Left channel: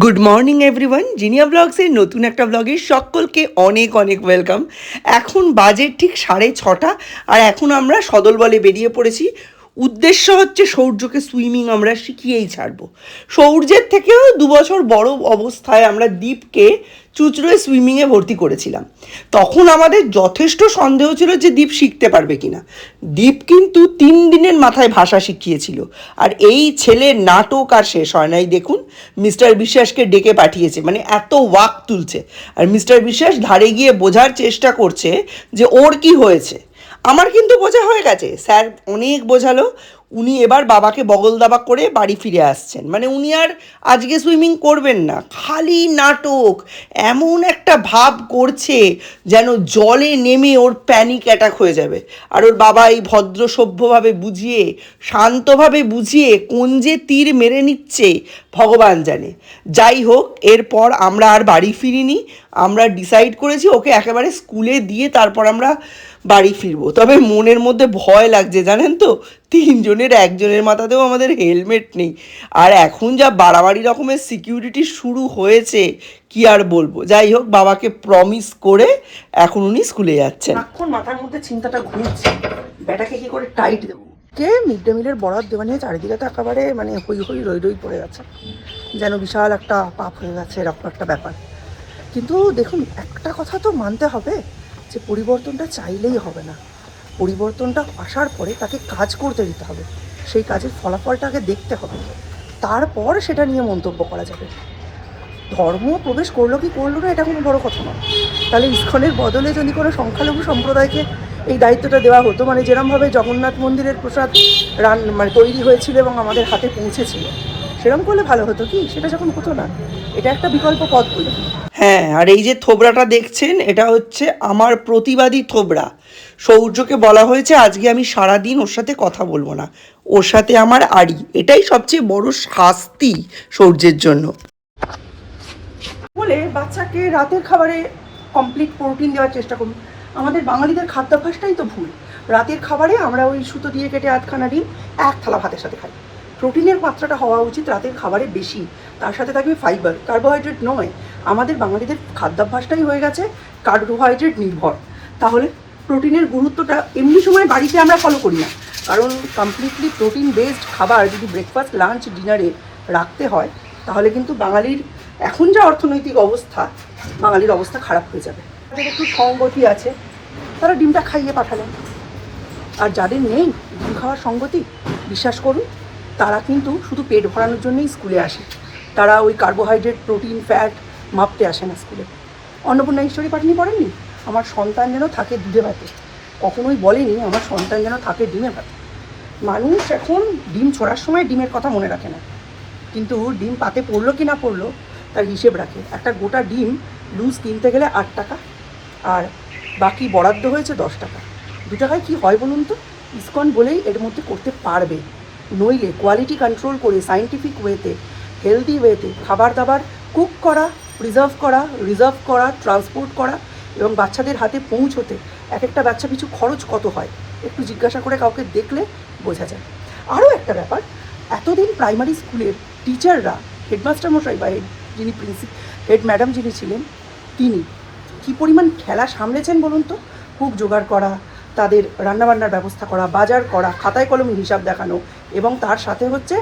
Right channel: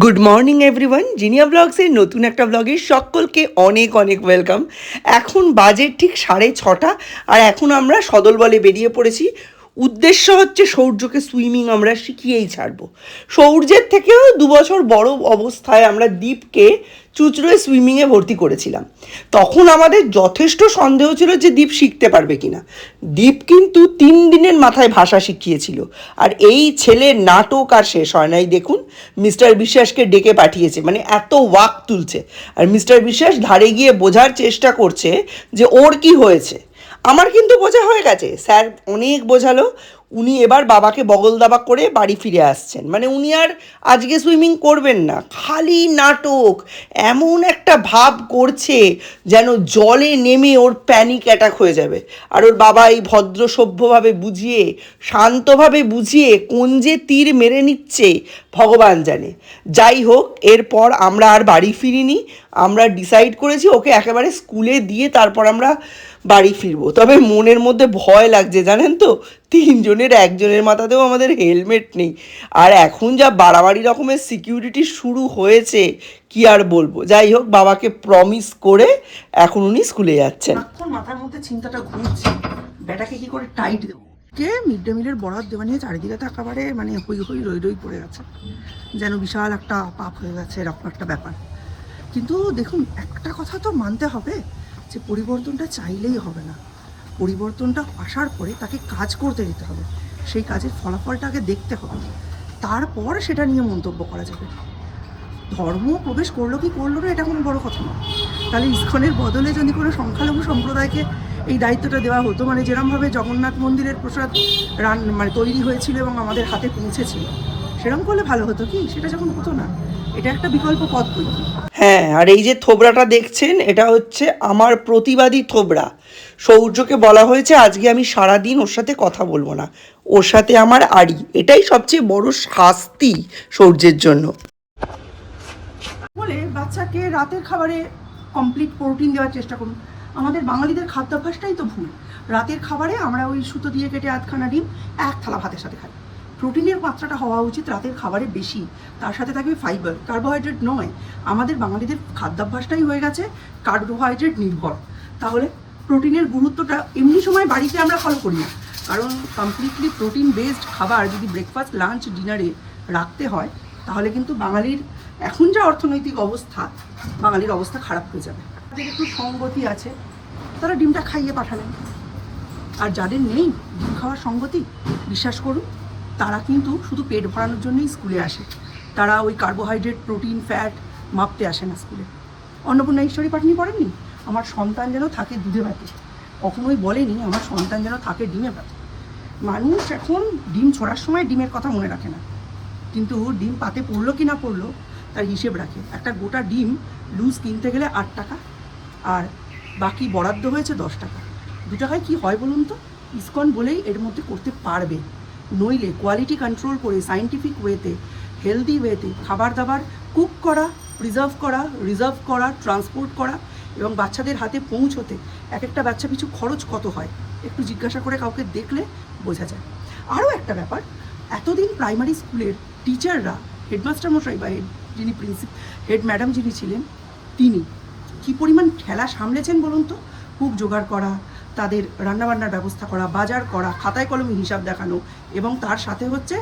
Good morning everyone, Jinia ব্লগসের নতুন একটা ব্লগে সকলকে অনেক অনেক ওয়েলকাম। এখন বাজে ঠিক 6:30 আর এখন আমরা সদলবলে বেরিয়ে পড়েছি। উদ্দেশ্য হচ্ছে সৌর্যকে সুইমিং আমরা শিখিয়েই ছাড়বো। সৌর্যের থেকেও 2 বছর বড় অবস্থায় আমরা দীপকে চুঁচড়োয় সুইমিংয়ে ভর্তি করেছিলাম। তখন আমাদের যথেষ্ট সন্দেহ ছিল যে দীপ শিখতে পারবে কিনা। দীপ কিন্তু 3 দিনের মাথায় ভাষা শিখিয়েছিল। আর এই ছেলের নাটক আর শেষ হয় নাই। দেখুন, মিস্টার বিশ্বাসকে ডেকে পাঠিয়েছে, মানে এত ওয়াক তুলছে। আর মিস্টার বিশ্বাস ধারে গিয়ে বোঝার চেষ্টা করছে যে ওর কি হয়েছে। আমার কিন্তু বোঝা হয়ে গেছে, স্যার অনেক বোঝালো। উনি এবার বাবাকে বগল দাবা করে বাড়ি ফিরে আসছেন, মানে উনি আর আজকে সুইমিং করবেন না, খালি নাটক। এমন একটা ভাব করছে যেন জলে নেমে ওর প্যানিক অ্যাটাক হয়ে যাবে। আর ওর বাবা এই ভদ্র সভ্যভাবে বুঝিয়ে, শান্তভাবে বুঝিয়ে কোন যে তীর মেরে নিচ্ছে ভগবান জানে। যাই হোক, এরপর আমরা আর বাড়ি ফিরিনি। আমরা ডিসাইড করেছি ওকে একেবারে স্কুলে দিয়ে তারপর আমরা বাড়ি ফিরবো। তবে মনের মধ্যে ভয় লাগছে, জানেন তো, 3জনের একজনের মাথাতেও আমাদের হেলমেট নেই। আর এখন যা বাড়াবাড়ি রকমের সিকিউরিটি শুরু হয়েছে, কি আর বলবো। যাই হোক, বাবাকে প্রমিস করে এখন উনি স্কুলে যাচ্ছেন। এখন মাথার মধ্যে চিন্তাটা ঘুরছে, ব্যাটাকে কি করে টাইট দেবো। কে মিড ডে মিলের বরাদ দেওয়া নিয়ে চারিদিকে তো একেবারে মানে হই হই রই রই পড়ে গেছে, যেন বিশাল একটা পাপ হয়ে গেছে, এরকম একটা ব্যাপার। কিন্তু দেখুন, একটা কথা তো মানতে হবে যে পরিবর্তনটা চাইলেই হবে না। পরিবর্তনটা আসার পরে তাকে কাজ করতে দিতে হবে, সেই কাজের ফলাফলটাকে দেখতে হবে, তারপর সেটা নিয়ে মন্তব্য করা যাবে। ধর্ম প্রবেশ করলো কি করলো না এটা কোনো বড় কথা নয়। তাহলে ইস্কনের বদলে যদি কোনো সংখ্যালঘু সম্প্রদায়কে এই দায়িত্বটা দেওয়া হতো, মানে যেরমভাবে জগন্নাথ মন্দিরের প্রসাদ মানে তৈরি হয়েছিল এবং আমাদের হাতে পৌঁছেছিল, সেরকম করলে ভালো হতো কি? সেটা যখন হতো না, এটা একটা বিকল্প পথ বলে। হ্যাঁ, আর এই যে থোবড়াটা দেখছেন, এটা হচ্ছে আমার প্রতিবাদী থোবড়া। সৌর্যকে বলা হয়েছে আজকে আমি সারাদিন ওর সাথে কথা বলবো না, ওর সাথে আমার আড়ি। এটাই সবচেয়ে বড় শাস্তি সৌর্যের জন্য। বলে বাচ্চাকে রাতের খাবারে কমপ্লিট প্রোটিন দেওয়ার চেষ্টা করুন। আমাদের বাঙালিদের খাদ্যাভ্যাসটাই তো ভুল। রাতের খাবারে আমরা ওই সুতো দিয়ে কেটে 8খানা ডিম 1 থালা ভাতের সাথে খাই। প্রোটিনের মাত্রাটা হওয়া উচিত রাতের খাবারে বেশি, তার সাথে থাকবে ফাইবার, কার্বোহাইড্রেট নয়। আমাদের বাঙালিদের খাদ্যাভ্যাসটাই হয়ে গেছে কার্বোহাইড্রেট নির্ভর। তাহলে প্রোটিনের গুরুত্বটা এমনি সময় বাড়িতে আমরা ফলো করি না, কারণ কমপ্লিটলি প্রোটিন বেসড খাবার যদি ব্রেকফাস্ট লাঞ্চ ডিনারে রাখতে হয়, তাহলে কিন্তু বাঙালির এখন যা অর্থনৈতিক অবস্থা, বাঙালির অবস্থা খারাপ হয়ে যাবে। যাদের একটু সঙ্গতি আছে তারা ডিমটা খাইয়ে পাঠালেন, আর যাদের নেই ডিম খাওয়ার সঙ্গতি, বিশ্বাস করুন তারা কিন্তু শুধু পেট ভরানোর জন্যই স্কুলে আসে। তারা ওই কার্বোহাইড্রেট প্রোটিন ফ্যাট মাপতে আসে না স্কুলে। অন্নপূর্ণা ঈশ্বরী পাটনি পড়েননি, আমার সন্তান যেন থাকে দুধে ভাতে, কখনোই বলেনি আমার সন্তান যেন থাকে ডিমে ভাতে। মানুষ এখন ডিম ছোড়ার সময় ডিমের কথা মনে রাখে না, কিন্তু ডিম পাতে পড়লো কি না পড়লো তার হিসেব রাখে। একটা গোটা ডিম লুজ কিনতে গেলে 8 টাকা, আর বাকি বরাদ্দ হয়েছে 10 টাকা। 2 টাকায় কী হয় বলুন তো? ইসকন বলেই এর মধ্যে করতে পারবে, নইলে কোয়ালিটি কন্ট্রোল করে সায়েন্টিফিক ওয়েতে, হেলদি ওয়েতে খাবার দাবার কুক করা, প্রিজার্ভ করা, রিজার্ভ করা, ট্রান্সপোর্ট করা এবং বাচ্চাদের হাতে পৌঁছতে এক একটা বাচ্চা পিছু খরচ কত হয় একটু জিজ্ঞাসা করে কাউকে দেখলে বোঝা যায়। আরও একটা ব্যাপার, এতদিন প্রাইমারি স্কুলের টিচাররা, হেডমাস্টার মশাই বা যিনি হেড ম্যাডাম যিনি ছিলেন, তিনি কী পরিমাণ ঠেলা সামলেছেন বলুন তো? কুক জোগাড় করা, তাদের রান্নাবান্নার ব্যবস্থা করা, বাজার করা, খাতায় কলমে হিসাব দেখানো, এবং তার সাথে হচ্ছে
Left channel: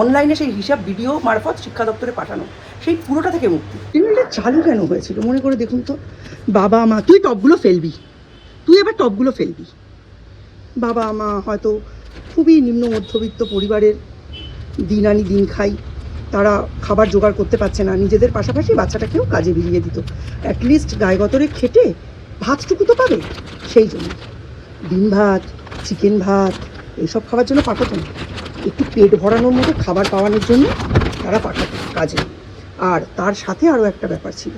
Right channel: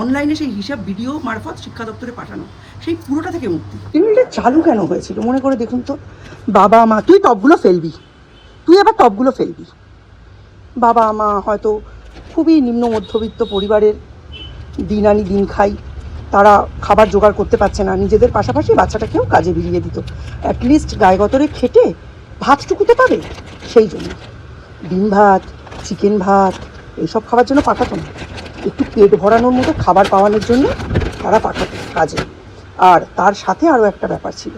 অনলাইনে সেই হিসাব ভিডিও মারফত শিক্ষা দপ্তরে পাঠানো, সেই পুরোটা থেকে মুক্তি। এটা চালু কেন হয়েছিল মনে করে দেখুন তো। বাবা মা, তুই টপগুলো ফেলবি, তুই আবার টপগুলো ফেলবি। বাবা মা হয়তো খুবই নিম্ন মধ্যবিত্ত পরিবারের, দিন আনি দিন খাই, তারা খাবার জোগাড় করতে পারছে না, নিজেদের পাশাপাশি বাচ্চাটাকেও কাজে বিলিয়ে দিত। অ্যাটলিস্ট গায়ে গতরে খেটে ভাতটুকুতে পাবে, সেই জন্য ডিম ভাত, চিকেন ভাত এইসব খাবার জন্য পাঠাতো না, একটু পেট ভরানোর মতো খাবার পাওয়ানোর জন্য তারা পাঠাতো কাজে। আর তার সাথে আরও একটা ব্যাপার ছিল,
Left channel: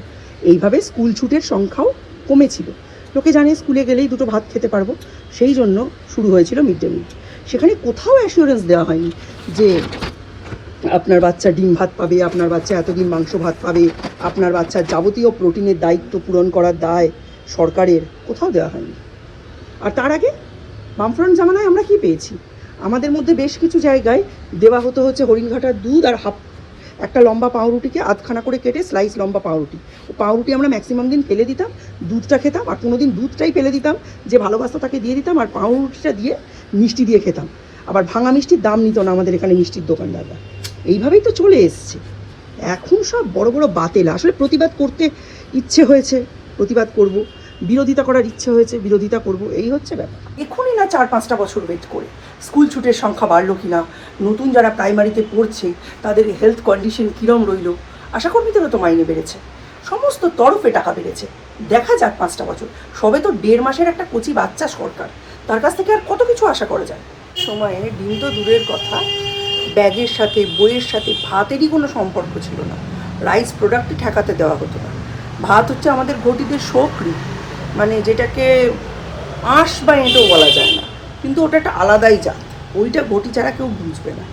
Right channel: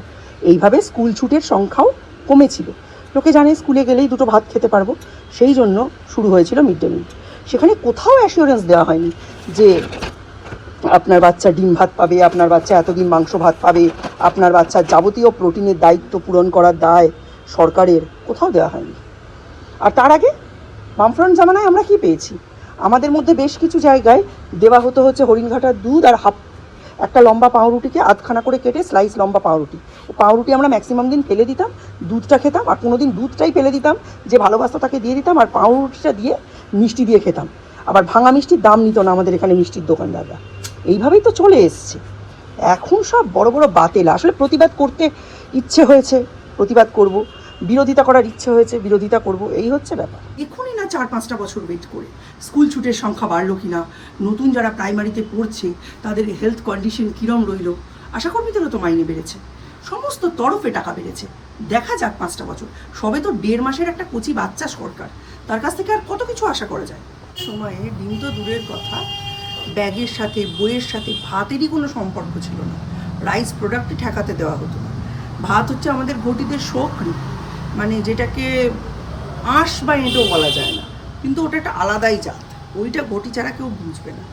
এইভাবে স্কুল ছুটের সংখ্যাও কমেছিল। লোকে জানে স্কুলে গেলেই 2টো ভাত খেতে পারবো, সেই জন্য শুরু হয়েছিল মিড ডে মিল। সেখানে কোথাও অ্যাসিওরেন্স দেওয়া হয়নি যে আপনার বাচ্চা ডিম ভাত পাবে, আপনার বাচ্চা এতদিন মাংস ভাত পাবে, আপনার বাচ্চার যাবতীয় প্রোটিনের দায়িত্ব পূরণ করার দায় সরকারের, কোথাও দেওয়া হয়নি। আর তার আগে বামফ্রন্ট জামানায় আমরা কি পেয়েছি? আমাদের মধ্যে বেশ কিছু জায়গায় দেওয়া হতো হচ্ছে হরিণঘাটার দুধ আর একটা লম্বা পাউরুটিকে আধখানা করে কেটে স্লাইস লম্বা পাউরুটি, ও পাউরুটি আমরা ম্যাক্সিমাম দিন ফেলে দিতাম, দুধটা খেতাম, আর কোনো দিন দুধটাই ফেলে দিতাম, যে ভালোবাসা তাকে দিয়ে দিতাম, আর পাউরুটিটা দিয়ে মিষ্টি দিয়ে খেতাম। আবার ভাঙা মিষ্টির দাম নিত না আমাদের এখানে মিষ্টির দোকানদাররা। এইভাবেই তো চলে এসছে। এখন সব বড় বড় বাতেলা। আসলে প্রতিবাদ করতে ইচ্ছে হয়েছে, প্রতিবাদ করব, বিরোধিতা করার ইচ্ছে হয়েছে, বিরোধিতা করব, এই হচ্ছে ব্যাপার। এখনই না 4-5টা বছর ওয়েট করে স্কুল ছুটের সংখ্যা বাড়লো কিনা, নতুন যারা প্রাইমারিতে পড়ছে তাদের হেলথ কন্ডিশন কীরম রইল, আশাকর্মীদেরও তো মাইনে বেড়েছে, সমস্ত তরফে টাকা বেড়েছে। দেখা যাক 5টা বছর, সবে তো 1.5 মাসের একটা কচি বাচ্চা সরকার, তার কাছ থেকে আর কত কিছু আশা করা যায়। সময়ে ডিম তো দূরের কথা, ব্যাগের সাথে, বইয়ের সাথে ভাতেরই কোনো সম্পর্ক ছিল না। রাইস প্রোডাক্টই ঠেকাতে দেওয়া হতো না। ভাত হচ্ছে আমাদের ঘটিদের শোকরি, মানে যেটাকে আঁশ বা এঁটো বলা যায় না, কিন্তু ওটা একটা আলাদাই জাত, ওইটা ঘটি ছাড়া কেউ বুঝবে না।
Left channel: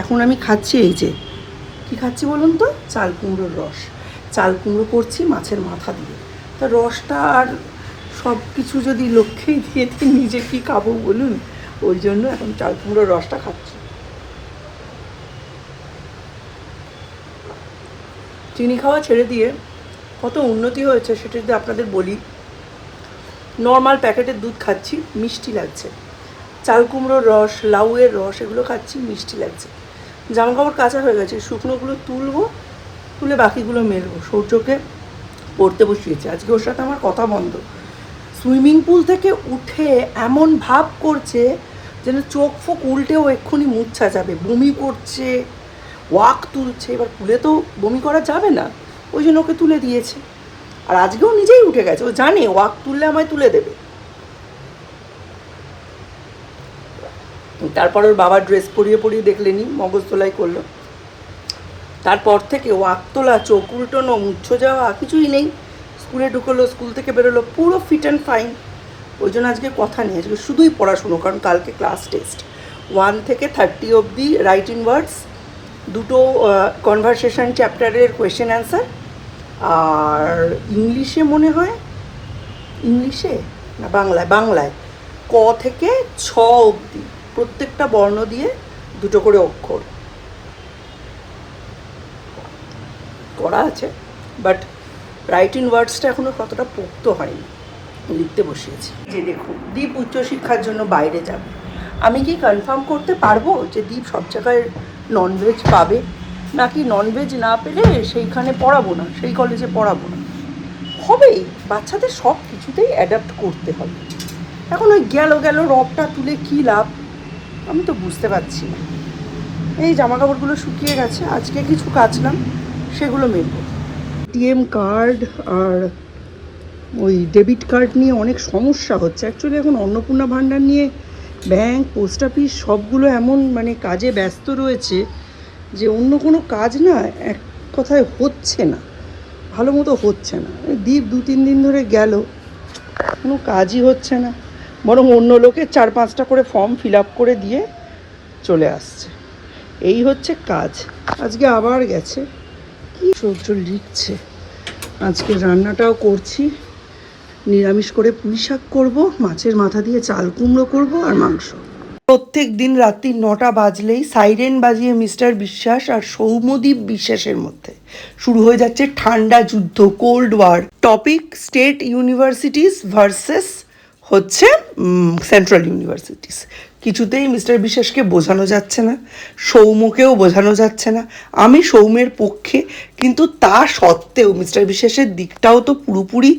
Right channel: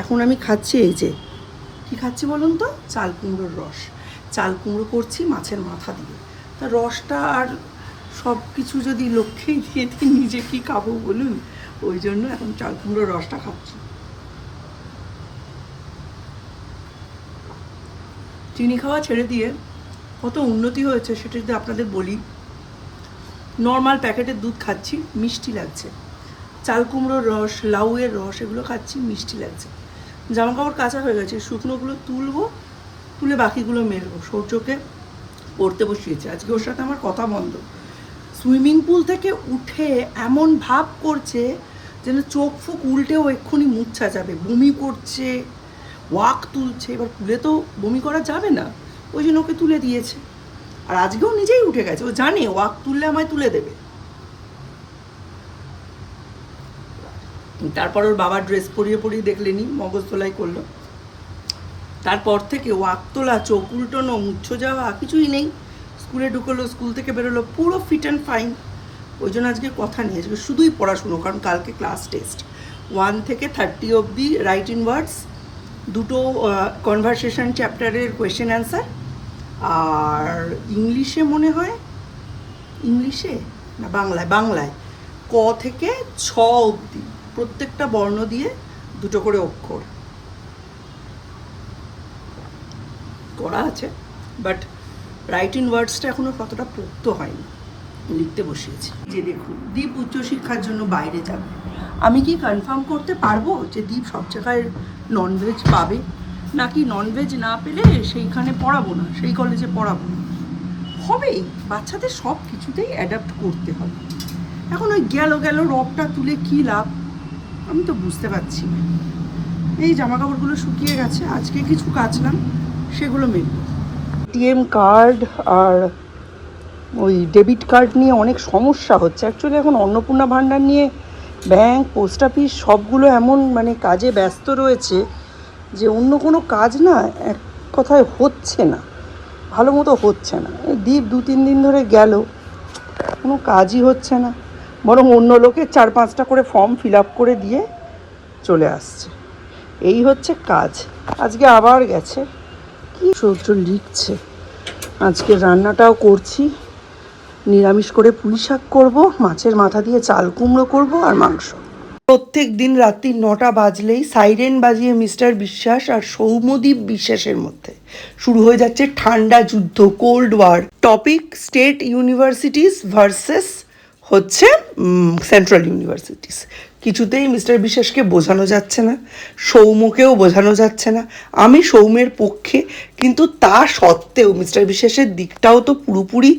এখন আমি খাচ্ছি এই যে, কী খাচ্ছি বলুন তো, চাল কুমড়োর রস। চাল কুমড়ো করছি মাছের মাথা দিয়ে, তা রসটা আর সব কিছু যদি লক্ষ্যেই দিয়ে দিই, নিজে কী খাবো বলুন, ওই জন্য এখন চাল কুমড়োর রসটা খাচ্ছি। চিনি খাওয়া ছেড়ে দিয়ে কত উন্নতি হয়েছে সেটা যদি আপনাদের বলি। নর্মাল প্যাকেটের দুধ খাচ্ছি, মিষ্টি লাগছে। চাল কুমড়োর রস, লাউয়ের রস, এগুলো খাচ্ছি, মিষ্টি লাগছে। জামা কাপড় কাঁচা হয়ে গেছে, শুকনোগুলো তুলবো, তুলে বাকিগুলো মেলবো। সূর্যকে পড়তে বসিয়েছে, আজকে ওর সাথে আমার কথা বন্ধ। সুইমিং পুল থেকে উঠে এমন ভাব করছে যেন চোখ ফোক উল্টেও এক্ষুনি মুচ্ছা যাবে, বমি করছে, ওয়াক তুলছে। এবার পুলে তো বমি করা যাবে না, ওই জন্য ওকে তুলে দিয়েছে। আর আজকেও নিজেই উঠে গেছে, ও জানে ওয়াক তুললে আমায় তুলে দেবে। তারপর ওর বাবার ড্রেস পরিয়ে পরিয়ে দেখলেনি, মগজ তোলাই করলো। তারপর থেকে ওয়াক তোলা, চোখ উল্টোনো, মুচ্ছ যাওয়া কিছুই নেই। স্কুলে ঢুকলো, স্কুল থেকে বেরোলো, পুরো ফিট অ্যান্ড ফাইন। ওই জন্য আজকে কথা নেই, আজকে শুধুই পড়াশুনো, কারণ কালকে ক্লাস টেস্ট। 1 থেকে 30 অবধি রাইট ইন ওয়ার্ডস, 2টো কনভারসেশন চ্যাপ্টারের কোয়েশ্চেন অ্যান্সার, আর ইংলিশে মনে হয়, ইংলিশে না বাংলায় ক থেকে 6 অবধি প্রত্যেকটা বর্ণ দিয়ে 2টো করে অক্ষর করা আছে। বাট রাইট ইন ওয়ার্ডসটা এখনও কতটা পোক্ত হয়নি, লিখতে বসিয়েছি। যে দেখুন, দীপ উচ্চশিক্ষার জন্য বাইরে যাবে। আমি কি কনফার্ম করতে পারবো যে দীপ সব জায়গায় ননভেজ পাবে, নাকি ননভেজ না পেলে সেইখানে পড়াবো না, সেই কলেজে পড়াবো না? হবেই, বাচ্চাদের সব কিছুতেই অ্যাডাপ্ট করতে হবে। এখন ওই গেল রবটা তুলে কী লাভ, আমি তো বুঝতে পারছি না। এই জামা কাপড়গুলো শুকিয়ে গেছে, আজকে কিছু কাচলাম, সেগুলো মেলবো। এটিএম কার্ড আর ওই ডেবিট কার্ড নিয়ে অনেক সমস্যা হচ্ছে। অ্যাকচুয়ালি এখন অন্নপূর্ণা ভাণ্ডার নিয়ে ব্যাংক, পোস্ট অফিস সবগুলো এমন মানে কাজে ব্যস্ত রয়েছে যে অন্য কোনো কাজ না এক কথায় হচ্ছে না, ভালো মতো হচ্ছে না। দীপ 2-3 দিন ধরে গেল, কোনো কাজই হচ্ছে না, বরং অন্য লোকের 4-5টা করে ফর্ম ফিল আপ করে দিয়ে চলে আসছে। এই হচ্ছে কাজ। আজকে আবার গেছে, কি সহ্য লিখছে। আজকে রান্নাটাও করছি, নিরামিষ করে পুঁই শাক করবো, মাছের মাথা দিয়ে চাল কুমড়ো করবো, আর মাংস। প্রত্যেক দিন রাত্রি 9টা বাজলেই সাইরেন বাজিয়ে মিস্টার বিশ্বাস আর সৌম্যদীপ বিশ্বাসের মধ্যে শুরু হয়ে যাচ্ছে ঠান্ডা যুদ্ধ, cold war. Topic state universities versus হচ্ছে সেন্ট্রাল ইউনিভার্সিটিস। কিছুতেই মিস্টার বিশ্বাসকে বোঝানো যাচ্ছে না, সৌম্যকেও বোঝানো যাচ্ছে না। আমি সৌম্যের পক্ষে, কিন্তু তা সত্ত্বেও মিস্টার বিশ্বাসের দিকটাও তো পুরোপুরি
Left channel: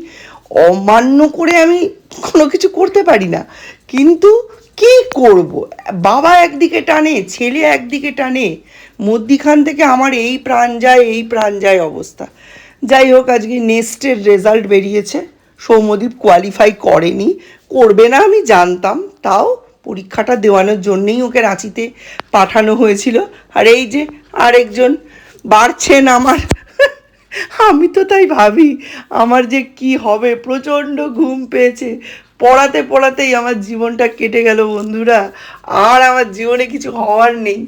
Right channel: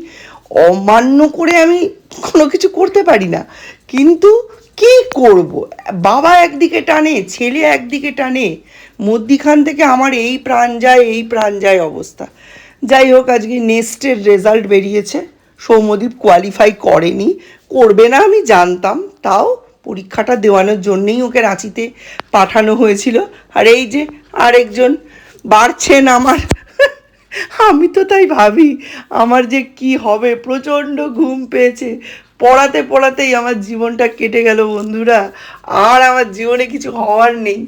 অমান্য করে আমি কোনো কিছু করতে পারি না। কিন্তু কি করব, বাবা একদিকে টানে, ছেলে একদিকে টানে, মধ্যিখান থেকে আমার এই প্রাণ যায় অবস্থা। যাই হোক, আজকে নেক্সটের রেজাল্ট বেরিয়েছে। সৌম্যদীপ কোয়ালিফাই করেনি, করবে না আমি জানতাম, তাও পরীক্ষাটা দেওয়ানোর জন্যেই ওকে রাঁচিতে পাঠানো হয়েছিল। আর এই যে আরেকজন বাড়ছেন আমার, আমি তো তাই ভাবি আমার যে কি হবে। প্রচণ্ড ঘুম পেয়েছে, পড়াতেই আমার জীবনটা কেটে গেল বন্ধুরা। আর আমার জীবনে কিছু হওয়ার নেই,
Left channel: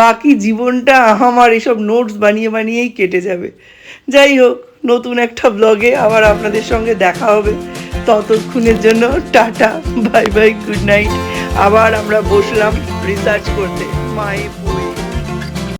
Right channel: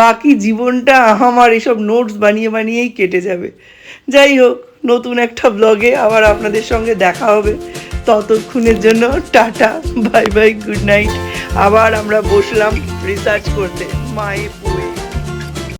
বাকি জীবনটা আমার এসব নোটস বানিয়েই কেটে যাবে। যাই হোক, নতুন একটা ব্লগে আবার আপনাদের সঙ্গে দেখা হবে। ততক্ষণের জন্য tata, bye bye, good night. আবার আমরা বসলাম রিসার্চ করতে, মাই